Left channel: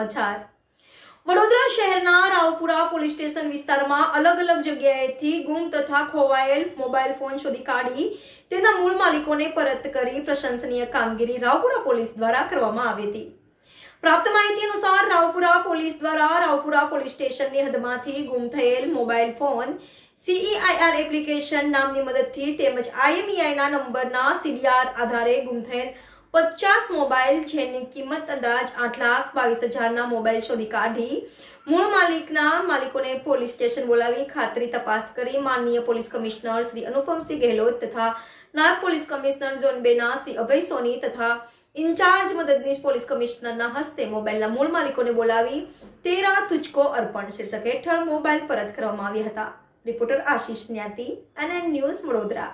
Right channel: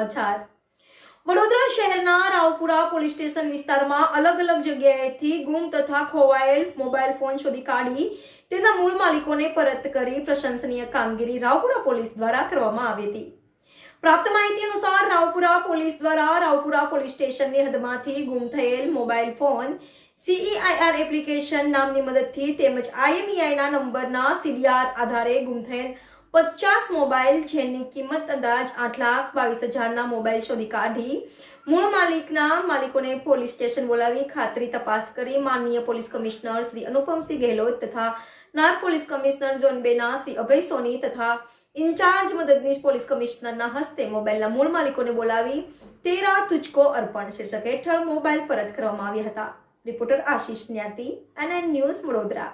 સમાચાર વડોદરા શહેરના Raopura police station વિસ્તારમાં અલગ અલગ જગ્યાએથી ગુમ તથા ખોવાયેલ મોબાઈલ ફોન શોધી કાઢી તેના મૂળ માલિકોને પરત કરી પ્રશંસનીય કામગીરી રાવપુરા પોલીસ દ્વારા કરવામાં આવી હતી। પ્રાપ્ત માહિતી અનુસાર રાવપુરા પોલીસ દ્વારા રાવપુરા પોલીસ સ્ટેશનની હદમાંથી ગુમ થયેલ મોબાઈલ ફોન CEIR એપ્લિકેશન નામની મદદથી તેમજ IMEIના નંબરના CDR આધારે ગુમ થયેલ 50 મોબાઈલ જેની કિંમત અંદાજ 8,22,000ના મોબાઈલ શોધી કાઢી મૂળ માલિકોને પોલીસ સ્ટેશન બોલાવી ખાતરી તપાસ કરી માનનીય પોલીસ કમિશનર શ્રી અનુપમસિંહ ગેહલોત તથા નાયબ police commissioner zone 2ના Shri Abhay સોની તથા ઇન્ચાર્જ મદદનીશ પોલીસ કમિશનરના હસ્તે મોબાઈલના મૂળ માલિકોને બોલાવી તેરા તુજકો અર્પણ શીર્ષક હેઠળ મોબાઈલ પરત કરવામાં આવ્યા હતા। રિપોર્ટર આશીષ ન્યાતી, NN ન્યૂઝ, વડોદરા।